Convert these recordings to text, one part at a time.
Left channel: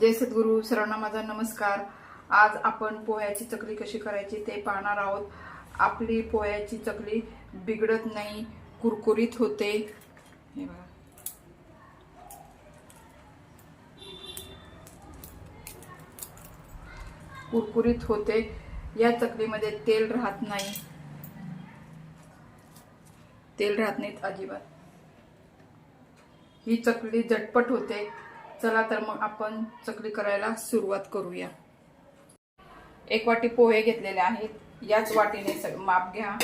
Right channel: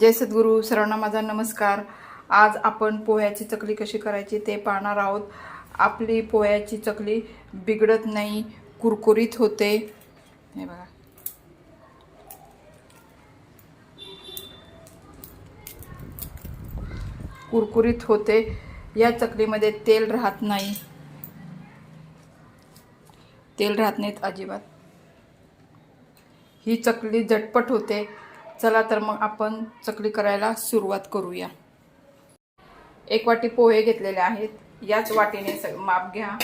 जय सद्गुरू सर्वांना माझा नमस्कार. आज आपण पोह्याची चकली कशी करायची ते पाहणार आहोत. आपली पोह्याची चकली बिघडत नाही कुरकुरीत होते. हे बघा. कुरकुरीत होते. या चकलीमध्ये तेल राहत नाही. तेल राहत नाहीत अजिबात. ही चकली झटपट होते. चला तर मग आपण चकली करायला सुरुवात करूया. एक वाटी पोहे घेतलेले आहेत. याच वाटीने स- माप घ्या.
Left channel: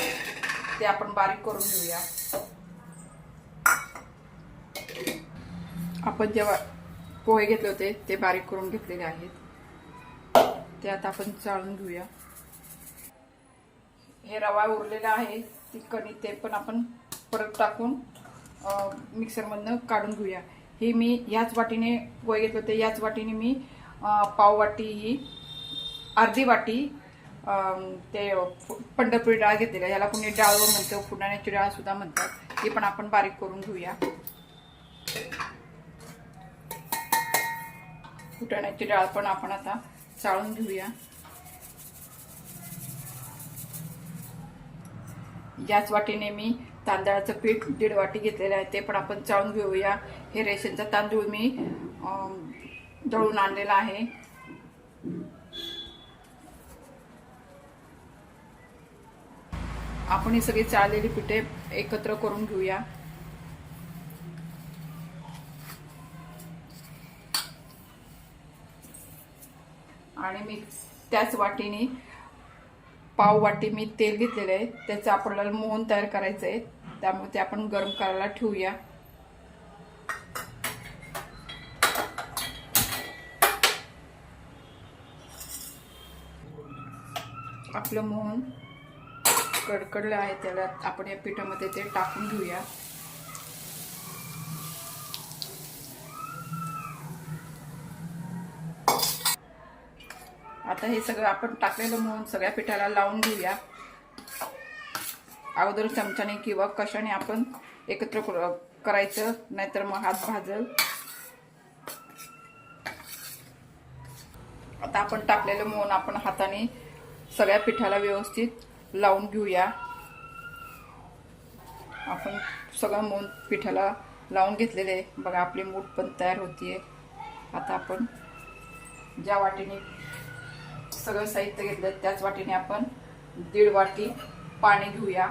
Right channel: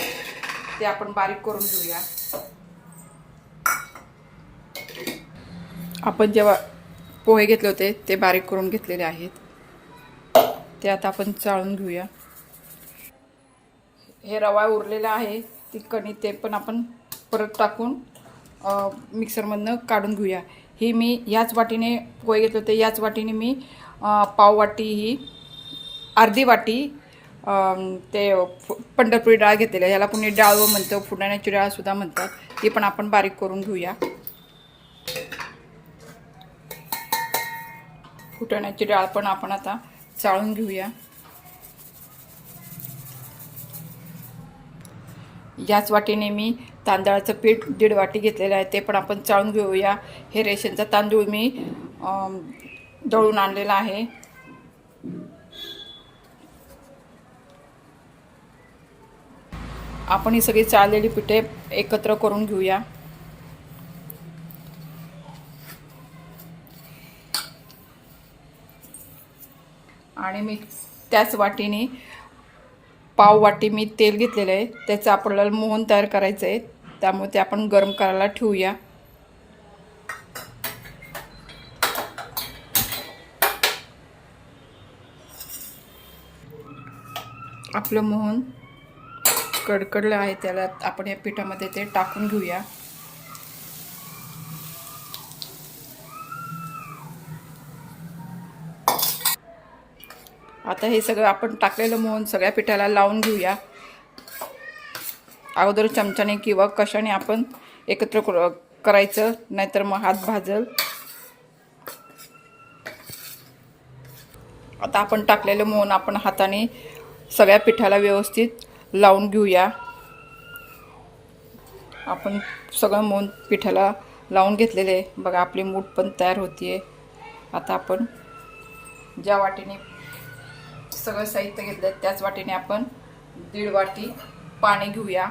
ते आपण बारीक करून घेऊया. आपण जेव्हा पोहे घेतले होते ते बारीक करून घेतलेले आहेत. ते आता आपण चाळून घेऊया. हे रवा उरलेला आहे. ती कणी ते पण आपण परत टाकून मिक्सरमधनं काढून घेऊया. ही मी याच वाटीने पोहे घेतले होते याच वाटीने मी पाववाटी ही अर्धी वाटी ते पंढरपुरी डाळ घेतलेली आहे. याला कुणी डाळ म्हणतो फुटाण्याची डाळसुद्धा म्हणतात. ती पण आपण बारीक करून घेऊया. फुटाण्याची डाळ पण आपण आता चाळून घेऊया. याच वाटीने मी तांदळाचं पीठ दीड वाटी घेतलेलं आहे ते पण आपण चाळून घेऊया. हे रेशनचा तांदूळ मी दळून आणलेला आहे. आपण ही सगळी चाळलेली पिठे एकत्र करून घेऊया. आणि मी त्याच वाटीने पाववाटी मी तेल घेतलेलं आहे. त्याचं आपल्याला मोहन तयार करायचं आहे. त्यामुळे ते आपण गरम करायला ठेवूया. आपलं मोहन कडकडलं आहे. त्याला आपण या पिठामध्ये ते टाकून घेऊया. आता हे सगळं आपण टाकलेलं मोहन सगळ्या पिठाला लावून घेऊया. अगोदर चमच्याने किंवा कशाने आपण एकत्र कर- करायचं नाहीतर मग हात भाजल. आता आपण टाकलेलं मोहन आपण हाताने सगळ्या पिठाला व्यवस्थित लावून घेऊया. आपण सगळं मोहन पिठाला लावून घेतलेले आहे. बघा आपली मूठ पण तयार होतीये. आता आपण ज्या वाटीने सगळं साहित्य घेतलं त्याच वाटीने आपण दीड वाटी पाणी घेऊया.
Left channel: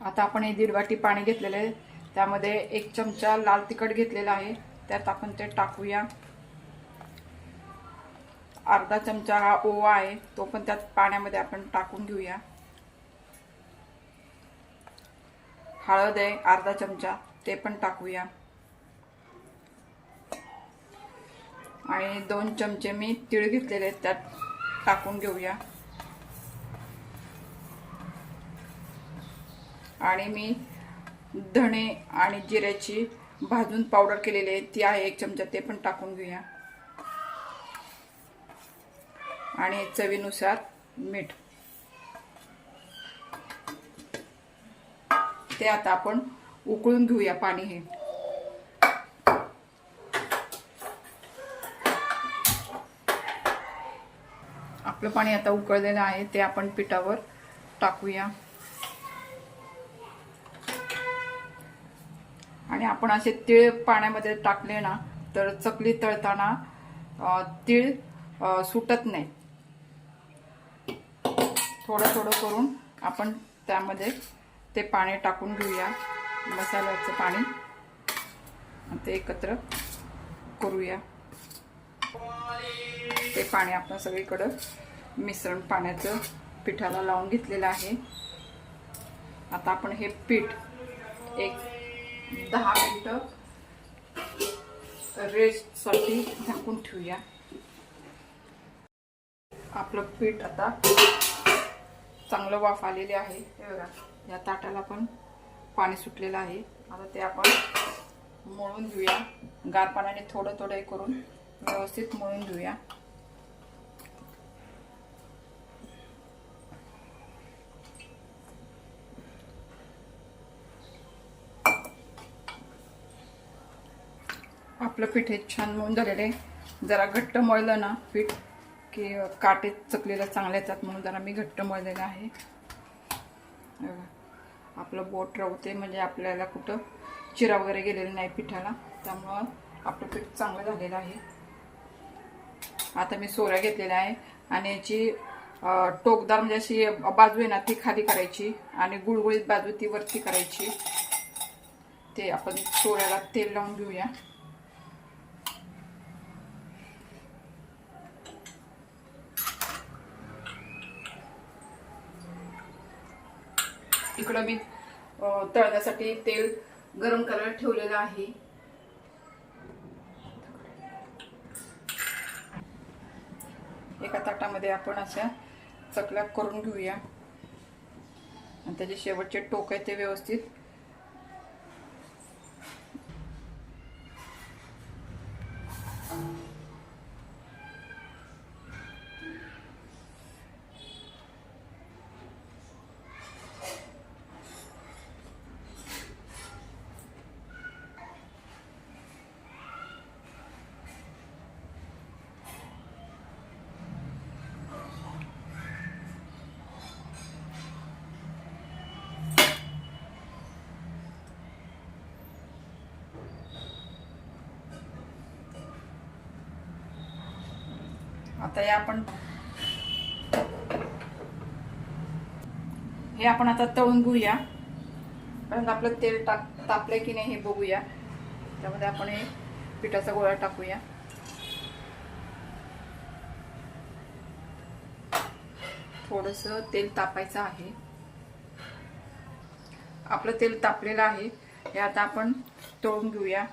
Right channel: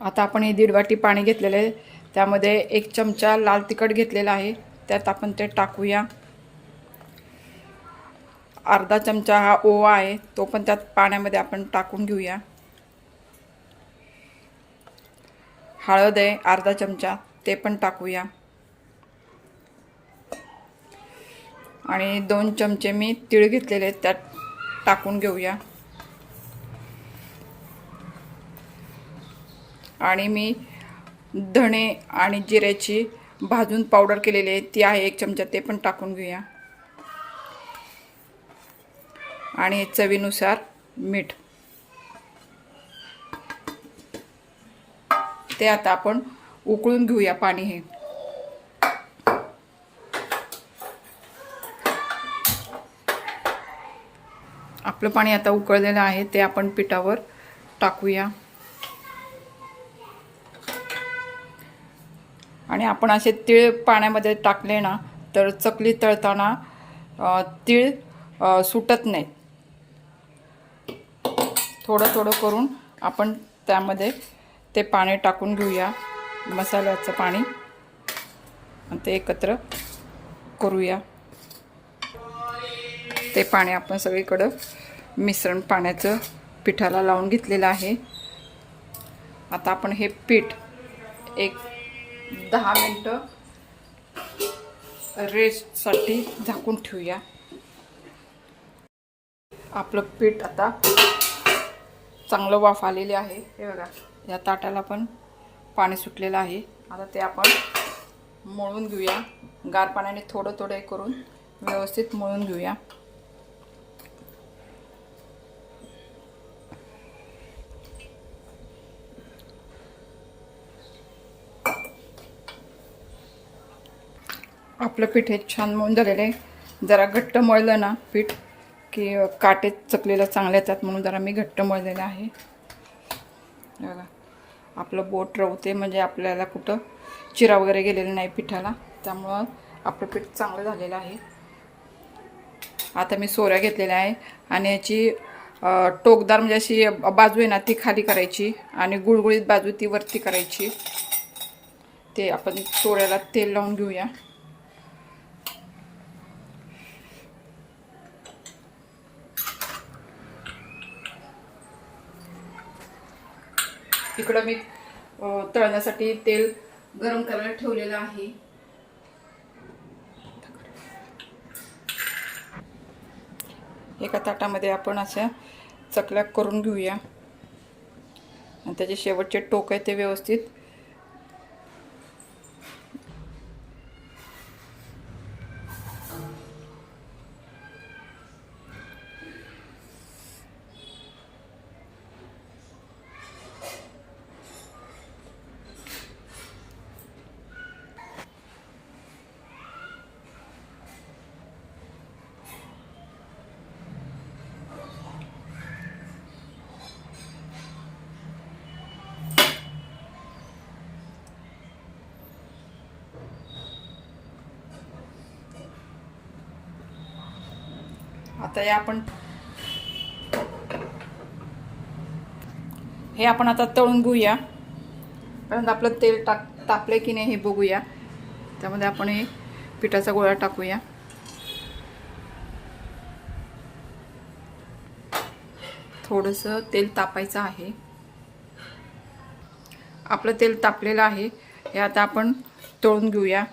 आता आपण हे दीड वाटी पाणी घेतलेलं आहे. त्यामध्ये एक चमचा लाल तिखट घेतलेला आहे. त्यात आपण ते टाकूया. अर्धा चमचा हा ओवा आहे तो पण त्यात पाण्यामध्ये आपण टाकून घेऊया. हळद आहे अर्धा चमचा ते पण टाकूया. आणि दोन चमचे मी तीळ घेतलेले आहेत त्यात टाकून घेऊया. आणि मी धणे आणि जिऱ्याची भाजून पावडर केलेली आहे ती आहे एक चमचा ते पण टाकून घेऊया. आणि चवीनुसार मीठ. ते आता आपण उकळून घेऊया पाणी हे. आपलं पाणी आता उकळलेलं आहे ते आपण पिठावर टाकूया. आणि आपण असे तीळ पाण्यामध्ये टाकले ना तर चकली तळताना तीळ सुटत नाही. थोडं थोडं करून आपण त्यामध्ये ते पाणी टाकून घेऊया. मसाल्याचं पाणी. आणि ते एकत्र करूया. ते पाणी आपण सगळीकडं मिश्रण पाण्याचं पिठाला लावून घेतलेलं आहे. आता आपण हे पीठ एक दहा मिनटं रेस्टसाठी झाकून ठेवूया. आपलं पीठ आता चांगलं वाफ आलेले आहे. हे बघा. या ताटाला पण पाणी सुटलेलं आहे. आता ते आपण मळून घेऊया. गार पाण्याने थोडं थोडं हे करून व्यवस्थित मळून घेऊया. आपलं पीठ हे छान मळून झालेलं आहे. जरा घट्ट मळलं ना पीठ की काटे चकलेला चांगले येतात म्हणून जरा मी घट्ट मळलेलं आहे. बघा आपलं बोट रवते म्हणजे आपल्याला कुठं चिरा वगैरे गेलेला नाही पिठाला. त्यामुळं आपलं पीठ चांगलं झालेलं आहे. आता मी सोऱ्या घेतलेल्या आहे आणि याची टोकदार म्हणजे अशी बाजू आहे ना ती खाली करायची आणि गुळगुळीत बाजू ती वरती करायची. ते आपण सोऱ्याला तेल लावून घेऊया. इकडं मी तळण्यासाठी तेल गरम करायला ठेवलेलं आहे. एका ताटामध्ये आपण अशा चकल्या करून घेऊया. आणि त्याचे शेवटचे टोक आहे ते व्यवस्थित आता हे आपण हे आपण आता तळून घेऊया. कारण आपलं तेल टाक तापलं की नाही हे बघूया. त्यामध्ये आपण हे पिठाचा गोळा टाकूया. थोडंसं तेल तापायचं आहे. आपलं तेल तापलेलं आहे. हे आता आपण तळून घेऊया.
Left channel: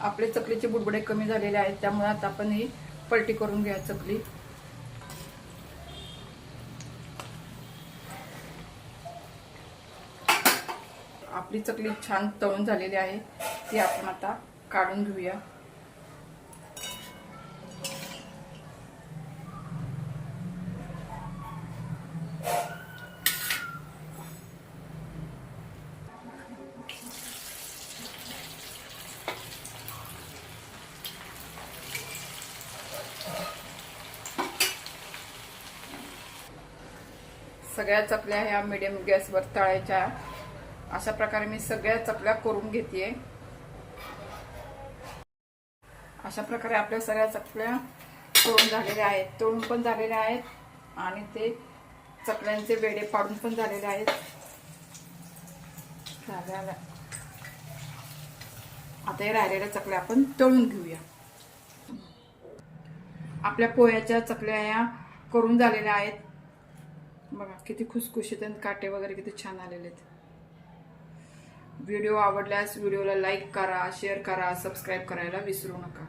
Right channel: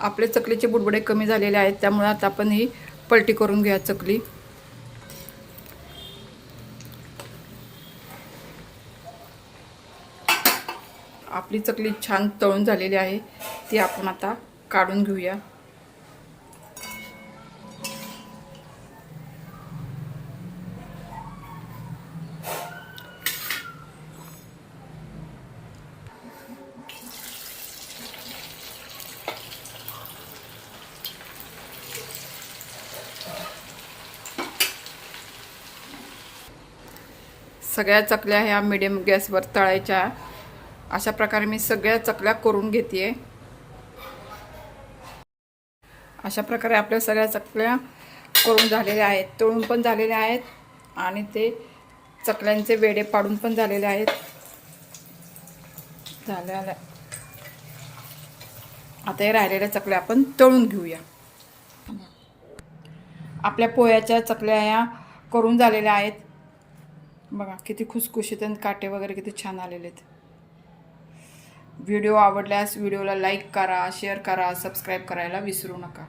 आपले चकलीचे बुडबुडे कमी झालेले आहेत त्यामुळे आता आपण ही पलटी करून घ्या चकली. आपली चकली छान तळून झालेली आहे ती आपण आता काढून घेऊया. सगळ्या चकल्या ह्या मिडियम गॅसवर तळायच्या. अशा प्रकारे मी सगळ्या चकल्या करून घेते अशा प्रकारे आपल्या सगळ्या चकल्या करून झालेल्या आहेत. तळून पण झालेल्या आहेत आणि ते चकल्यांचे वेडे पाडून पण झालेले आहेत. झालेल्या आता हे राहिलेल्या चकल्या आपण तळून घेऊया. आपल्या पोह्याच्या चकल्या ह्या करून झालेल्या आहेत. बघा किती खुसखुशीत आणि काटे वगैरे किती छान आलेले आहेत. व्हिडिओ आवडल्यास व्हिडिओला लाईक करा शेअर करा सबस्क्राईब करायला विसरू नका.